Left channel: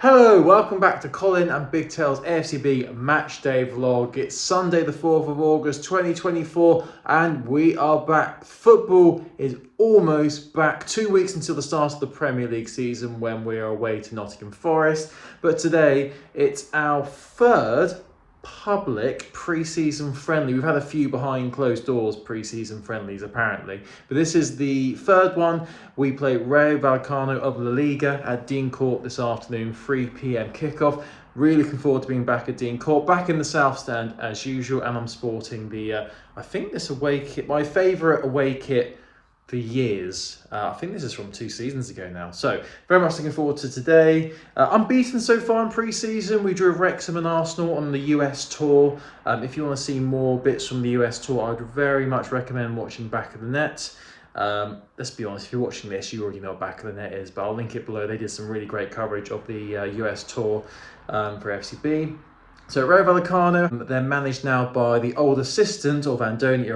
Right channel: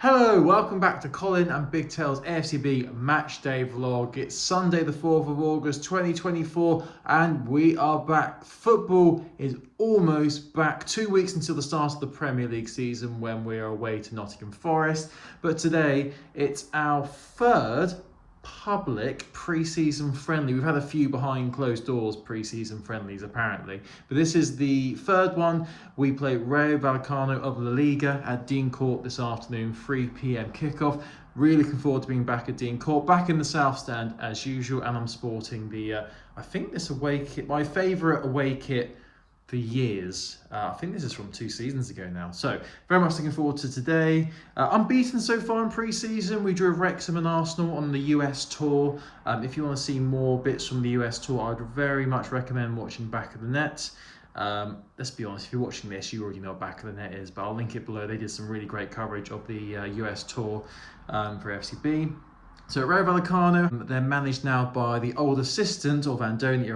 Hello, welcome back to Colin and Big Tail's AFCB Match Day vlog. It's Sunday the 4th of August 2024 and we are back. Football is almost back. 2 weeks until the start of the Premier League season when we are away to Nottingham Forest. But today it's our third public pre-season friendly. We've had a few behind closed doors pre-season friendlies apparently, but this is the third one. We play Rayo Vallecano of La Liga at Dean Court this afternoon, 3 p.m. kickoff. Really looking forward to being back at Dean Court, back in the South Stand as usual, and I'm sporting the I think this away kit, my favourite away kit for years. I think this is from 2 seasons ago now. So very much looking forward to today. Unbeaten so far in pre-season. We drew Wrexham and Arsenal on the US tour. If you want to see more bits from the US tour, I'd very much recommend watching Back of the Net. Let's be honest, if you're watching this, you already know what Back of the Net is, but I'll link it below. They did some really great coverage of the US tour for FCB. So Rayo Vallecano, they're managed now by the old assistant of Andoni,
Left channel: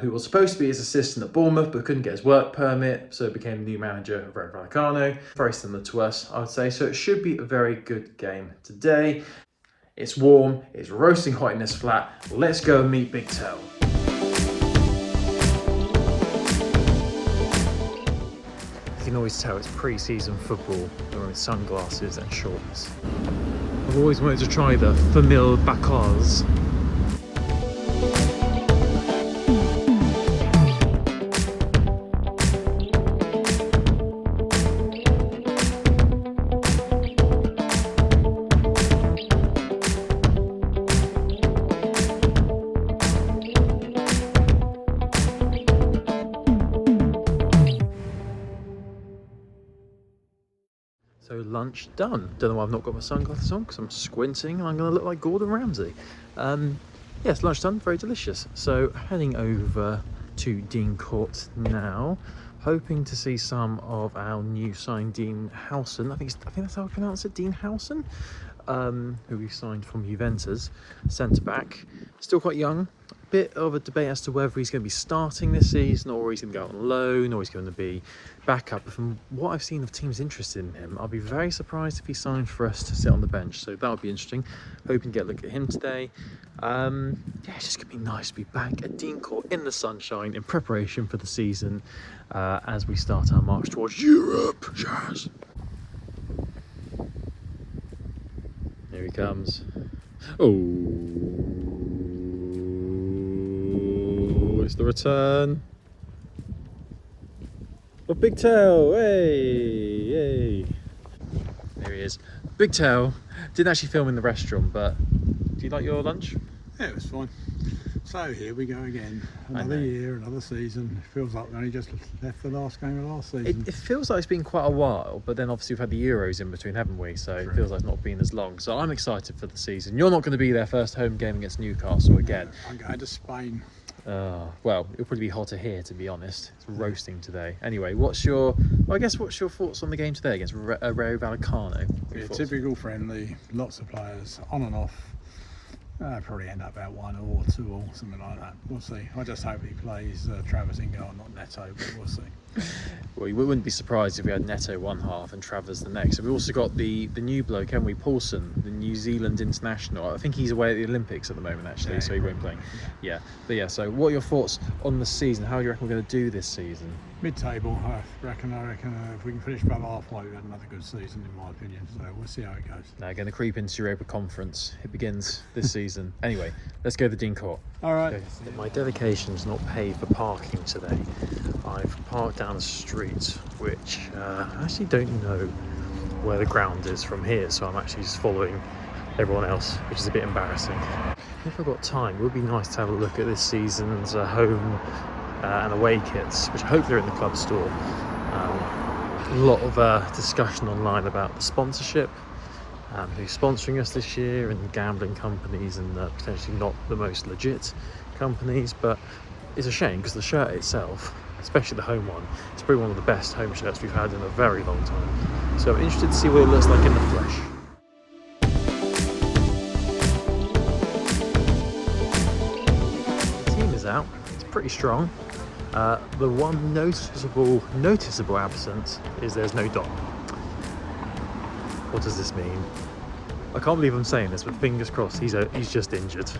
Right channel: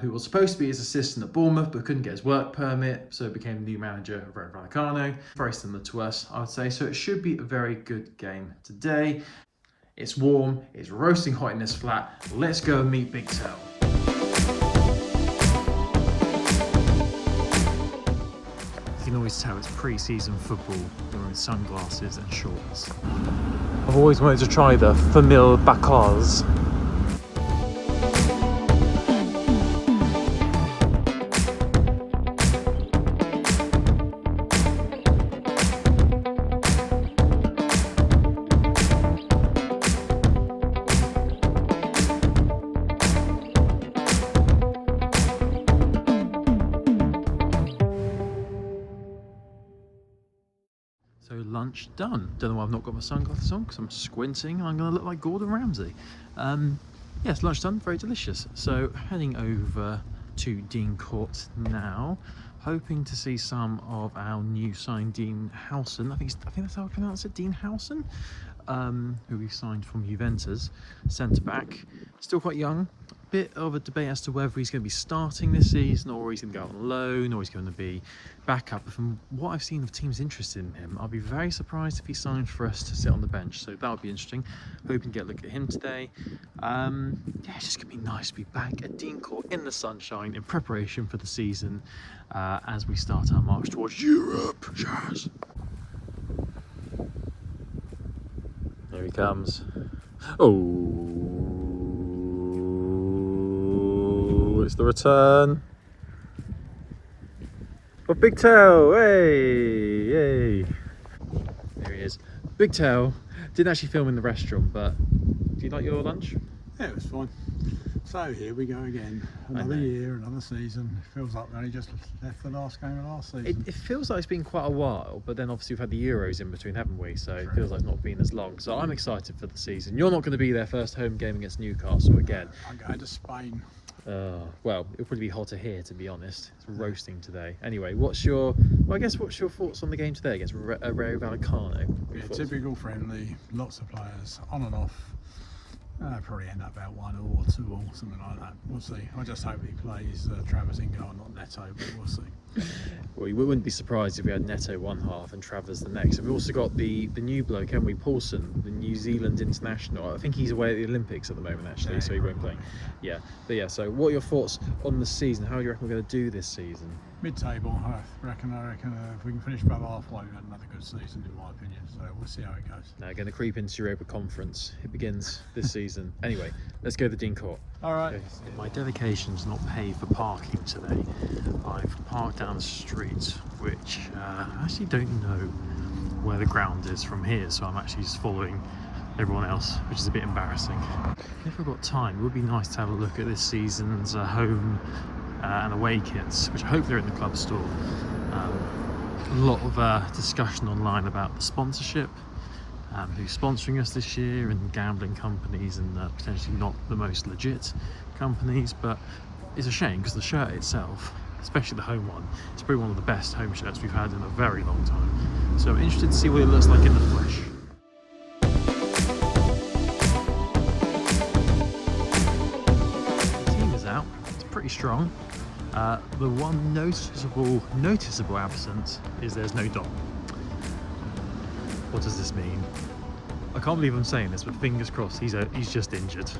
who was supposed to be his assistant at Bournemouth but couldn't get his work permit, so became the new manager of Rayo Vallecano. Very similar to us, I would say. So it should be a very good game today. It's warm, it's roasting hot in this flat. Let's go and meet Big Tail. You can always tell it's pre-season football. They're wearing sunglasses and shorts. I've always wanted to try the famille Bacars. So lunch done. Don't know why I've not got my sunglasses on because I'm squinting and I'm going to look like Gordon Ramsay. Yes, lunch done, very delicious. So heading over to Dean Court now, hoping to see some of our new signed Dean Howson. I think that's how I pronounce it, Dean Howson, who we signed from Juventus, centre back, still quite young. Bit of a debate as to whether he's going to be starting this season or he's going to go on loan or he's going to be backup. But from what I've seen of teams interested in him, I'll be very surprised if he signs for us to sit on the bench. So that would be interesting. Hoping to get a look at him today. Yeah, it's just going to be nice to be back at Dean Court in the sunshine in preparation for the season as we start our march towards Europe. Yes. Here he comes. Oh. It's the return of Big Tail. Hey, hey. There he is. Big Tail. Didn't actually film in the restaurant, but do you like your lunch? Yeah, it was fine. So here we go again. Another year, another season. It feels like we only just left the last game of last season. It feels like it's been quite a while, but then obviously we've had the Euros in between, haven't we? So it feels like it's not been as long. So I'm excited for the season. You're not going to be there first home game against Newcastle again. I'm going to Spain. Well, it'll probably be hotter here, to be honest. It's roasting today. Anyway, what's your thoughts on the game today against Rayo Vallecano? Yeah, typical friendly, lots of players, on and off. Probably end up about 1 or 2 or something like that. We'll see. I just hope he plays Travers in goal, not Neto, but we'll see. Well, you wouldn't be surprised if we had Neto one half and Travers the next. And we also got the new bloke, haven't we, Paulson, the New Zealand international. I think he's away at the Olympics at the moment, actually, yeah, so he won't play. Yeah. But yeah, so what are your thoughts on the season? How do you reckon we're going to do this season? Mid-table, I reckon if we can finish about halfway, we've had another good season, in my opinion. So we'll see how it goes. Now, going to creep into Europa Conference. It begins this season. Anyway, let's go to Dean Court. All right. My dedication's not paid for parking today. I've parked down the street, which I actually don't know where the ground is from here, so I'm actually just following everyone else, which is a bit embarrassing. If I've got time, it would be nice to have a look at this season's home and away kits, which hopefully are in the club store. A lot of discussion online about the sponsorship, who's sponsoring us this year, and gambling companies and potentially not the most legit companies, but it's a shame because the shirt itself, especially the home one, it's probably one of the best home shirts we've had in a very long time. So I'm interested to see what it looks like in the flesh. The team is out, it's pretty strong. The one noticeable absence is there's no Dom. What does this mean? I can't believe I'm saying this, but fingers crossed he's just injured.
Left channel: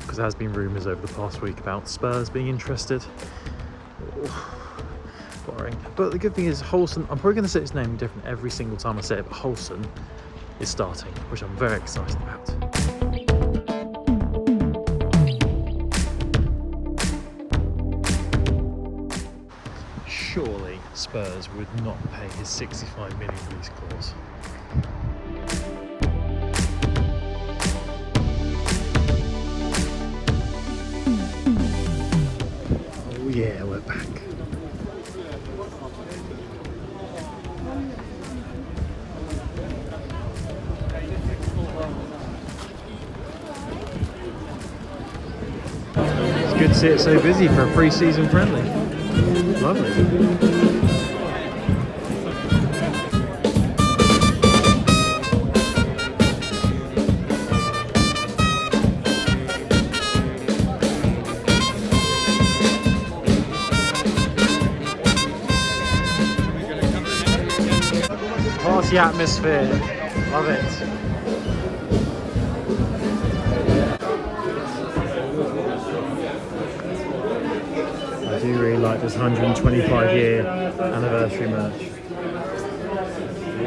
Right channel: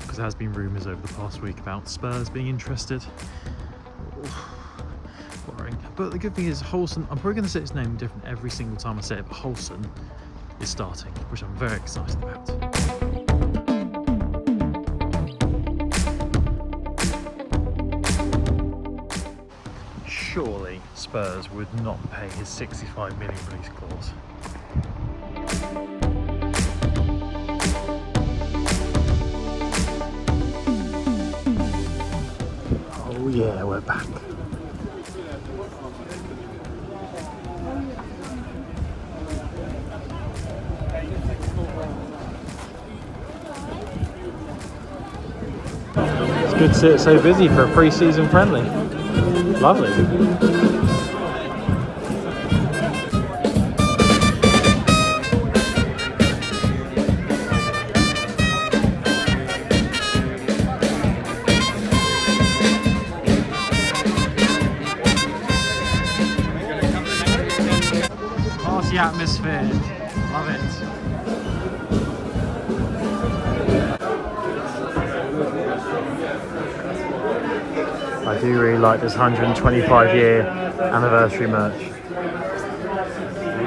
Because there has been rumours over the past week about Spurs being interested. Worrying. But the good thing is Holson, I'm probably going to say his name different every single time I say it, but Holson is starting, which I'm very excited about. Surely Spurs would not pay his 65 million release clause. Oh yeah, we're back. It's good to see it so busy for a pre-season friendly. Lovely. Party atmosphere. Love it. I do really like this 125-year anniversary merch.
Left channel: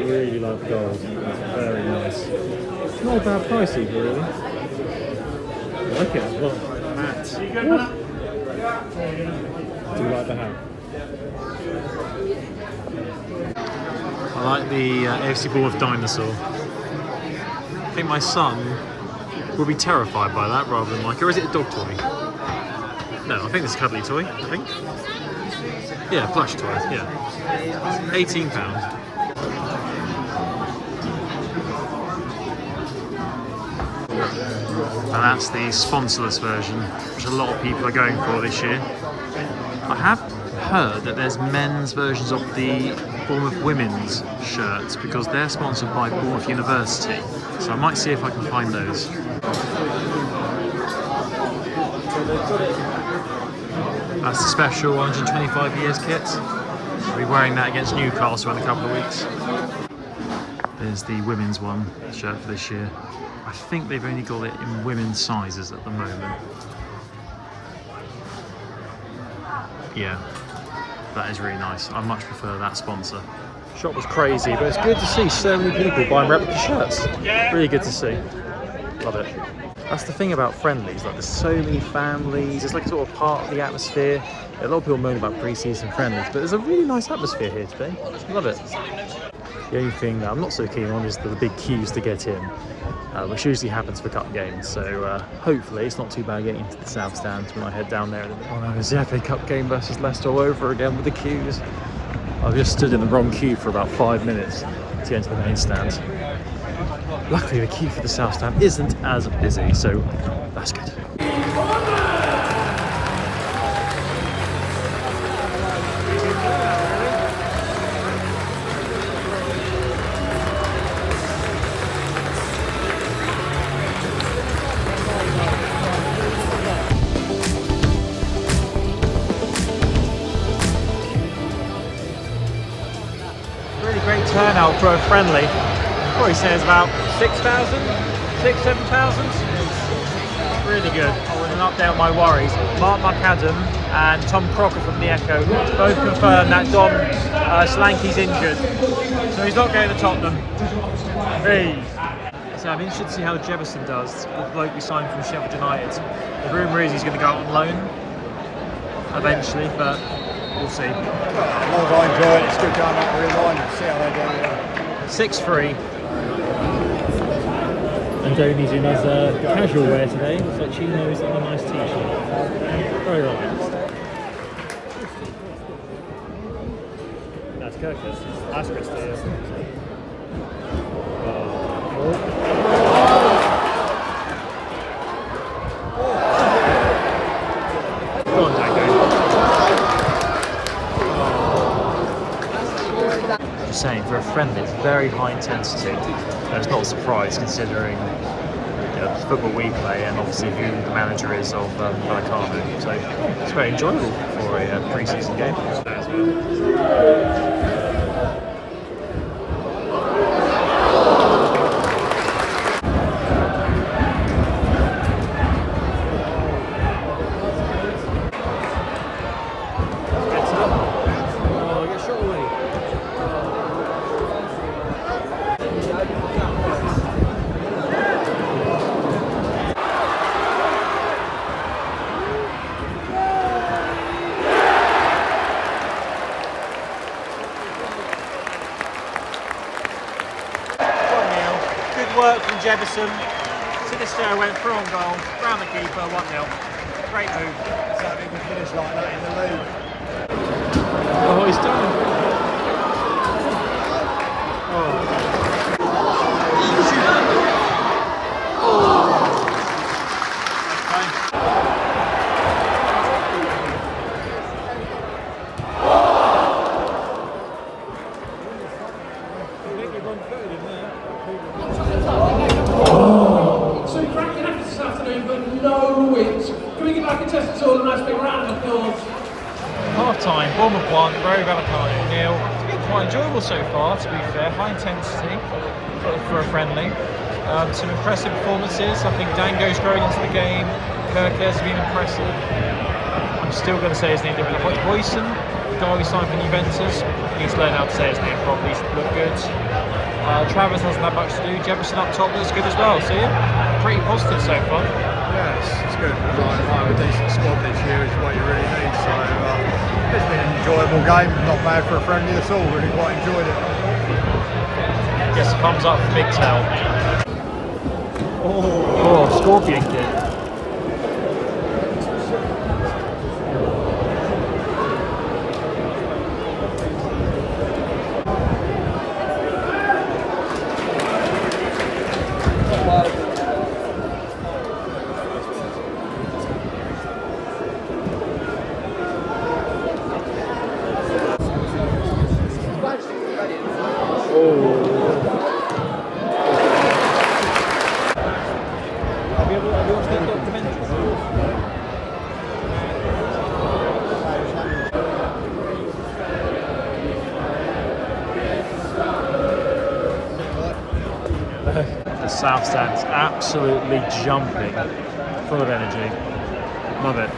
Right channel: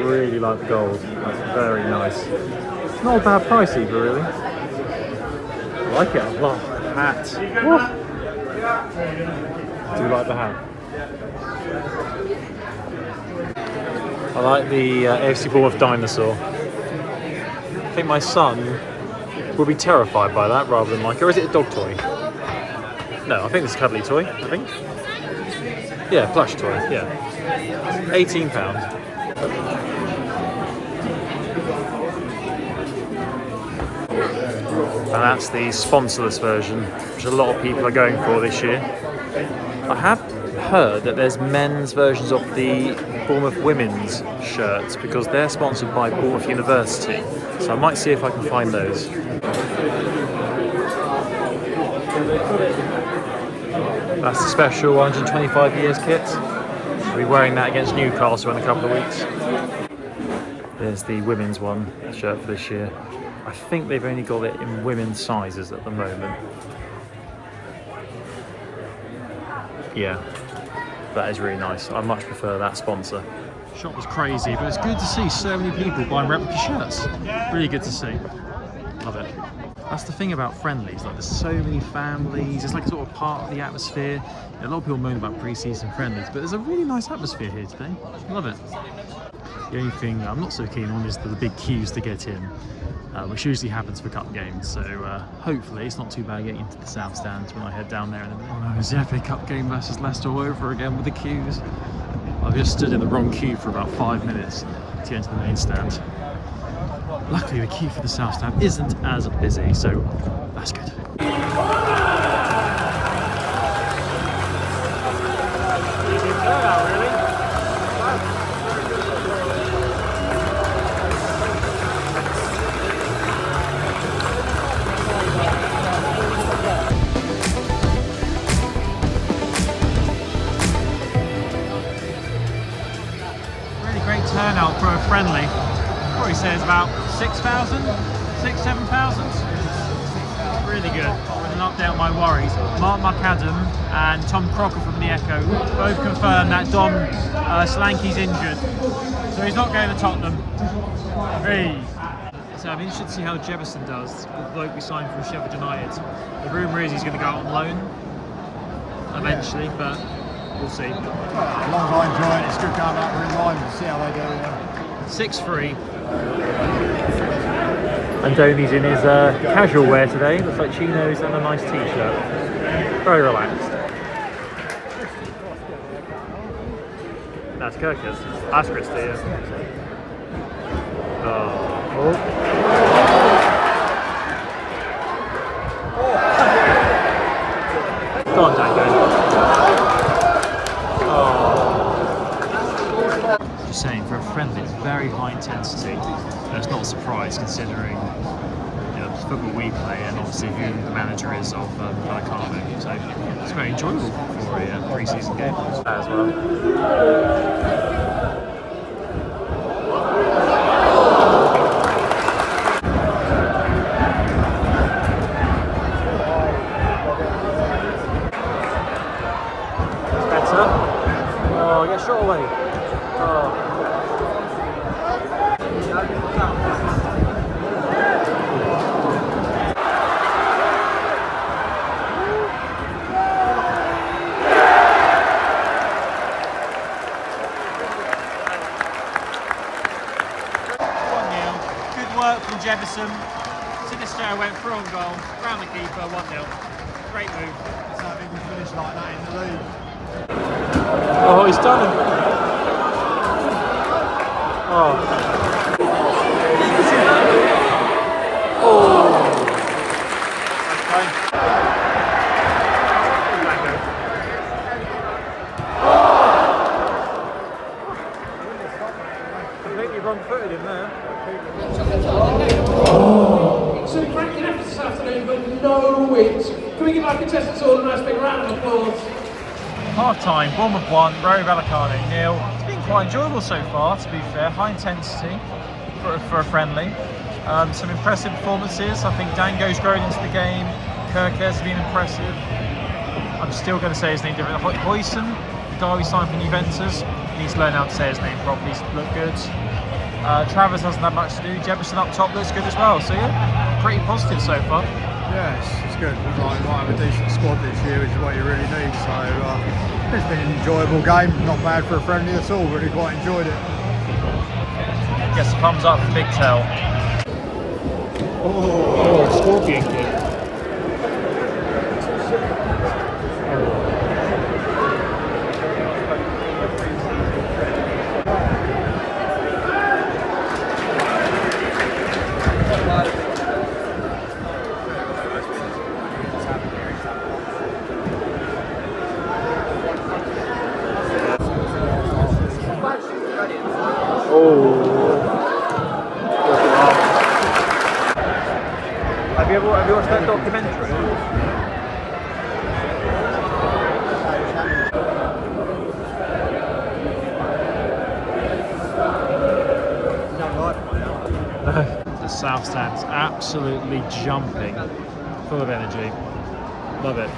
Really like the gold. That's very nice. It's not a bad price either, really. I like it a lot. Hat. Woo. Do you like the hat? I like the AFC Bournemouth dinosaur. I think my son will be terrified by that rather than like it. Or is it a dog toy? No, I think it's a cuddly toy, I think. Yeah, plush toy, yeah. £18. And that's the sponsorless version, which a lot of people are going for this year. I have heard that there's men's versions of the Bournemouth women's shirts because they're sponsored by Bournemouth University. So I might see if I can find those. That's the special 125 years kit. I'll be wearing that against Newcastle in a couple of weeks. There's the women's one shirt for this year. I think they've only got it in women's sizes at the moment. Yeah, that is really nice. I much prefer that sponsor. Shop was crazy, but it's good to see so many people buying replica shirts. Really good to see. Love it. That's the thing about friendlies, like there's so many families, it's like a sort of part of the atmosphere. A lot of people moan about pre-season friendlies, but there's a really nice atmosphere here today. Love it. The only thing that I'm not so keen on is the big queues to get in, which usually happens for cup games, so hopefully it's not too bad getting into the south stand when I head down there in a minute. Oh no, it's the FA Cup game versus Leicester all over again with the queues. I've just stood in the wrong queue for about 5 minutes to get into the main stand. Luckily the queue for the south stand isn't as busy, so that's good. Really great turnout for a friendly. Probably says about 6,000, 7,000. Really good. Oh, with an update on my worries, Mark McAdam and Tom Crocker from The Echo both confirmed that Don Solanke's injured, so he's not going to Tottenham. Hey. So I'm interested to see how Jefferson does, the bloke we signed from Sheffield United. The rumour is he's going to go out on loan eventually, but we'll see. Well, as long as I enjoy it, it's good going out to real mind and see how they do. 6-3. Andoni's in his casual wear today. Looks like chinos and a nice t-shirt. Very relaxed. That's Kirkus. That's Christy, yeah. Oh. Go on, Dango. Oh. Just saying, for a friendly, it's very high intensity. And it's not a surprise considering the football we play and obviously who the manager is of Vallecano. So it's very enjoyable for a pre-season game as well. work from Jefferson. Sinister went through on goal, round the keeper, 1-0. Great move. So I think we finished like that in the league. Oh, he's done it. Oh. So cracking effort this afternoon, but no wins. Can we give our contestants all a nice big round of applause? Half time, Bournemouth 1, RAYO VALLECANO 0. It's been quite enjoyable so far, to be fair. High intensity for a friendly. Some impressive performances. I think Dango's grown into the game. Kirkes has been impressive. I'm still going to say his name different. I thought Boyson, the guy we signed for Juventus, he needs to learn how to say his name properly. He's looked good. Travis hasn't had much to do. Jefferson up top looks good as well. So yeah, pretty positive so far. Yeah, it's good. Because I have a decent squad this year, which is what you really need. So it's been an enjoyable game. Not bad for a friendly at all. Really quite enjoyed it. Yes, thumbs up for Big Tail. Oh, scorpion kick. Have you watched that documentary? The South Stand's absolutely jumping, full of energy. Love it.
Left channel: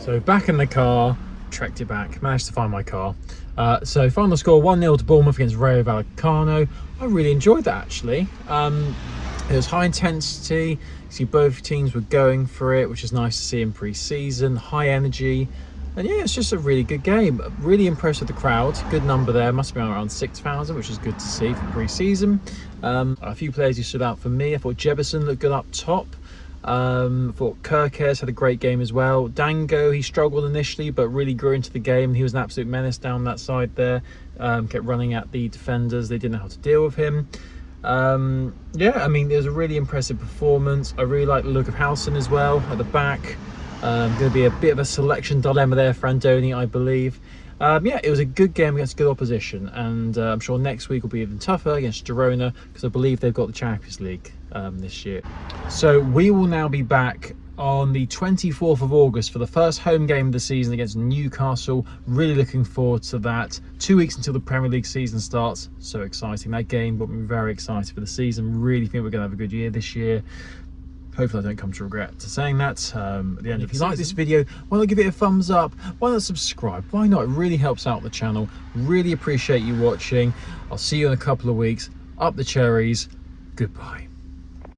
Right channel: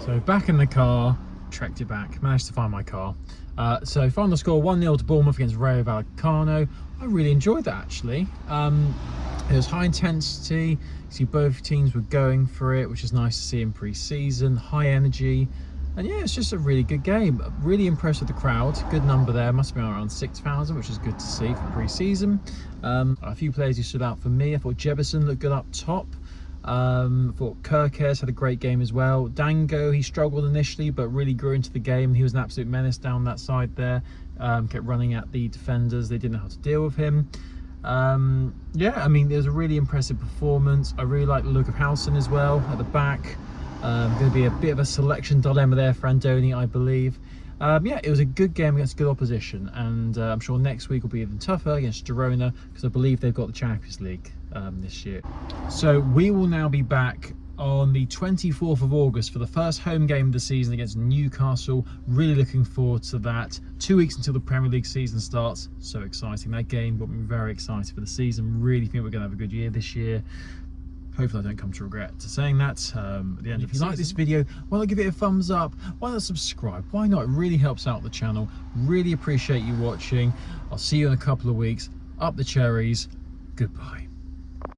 So back in the car, trekked it back, managed to find my car. So final score 1-0 to Bournemouth against RAYO VALLECANO. I really enjoyed that actually. It was high intensity. You see both teams were going for it, which is nice to see in pre-season. High energy. And yeah, it's just a really good game. Really impressed with the crowd. Good number there. Must have been around 6,000, which is good to see for pre-season. A few players who stood out for me. I thought Jefferson looked good up top. I thought Kirkes had a great game as well. Dango, he struggled initially, but really grew into the game. He was an absolute menace down that side there. Kept running at the defenders. They didn't know how to deal with him. Yeah, I mean, it was a really impressive performance. I really like the look of Howson as well at the back. Going to be a bit of a selection dilemma there for Andoni, I believe. Yeah, it was a good game against good opposition, and I'm sure next week will be even tougher against Girona, because I believe they've got the Champions League this year. So we will now be back on the 24th of August for the first home game of the season against Newcastle. Really looking forward to that. 2 weeks until the Premier League season starts. So exciting. That game got me very excited for the season. Really think we're going to have a good year this year. Hopefully I don't come to regret to saying that at the end. If you like this video, why not give it a thumbs up? Why not subscribe? Why not? It really helps out the channel. Really appreciate you watching. I'll see you in a couple of weeks. Up the cherries. Goodbye.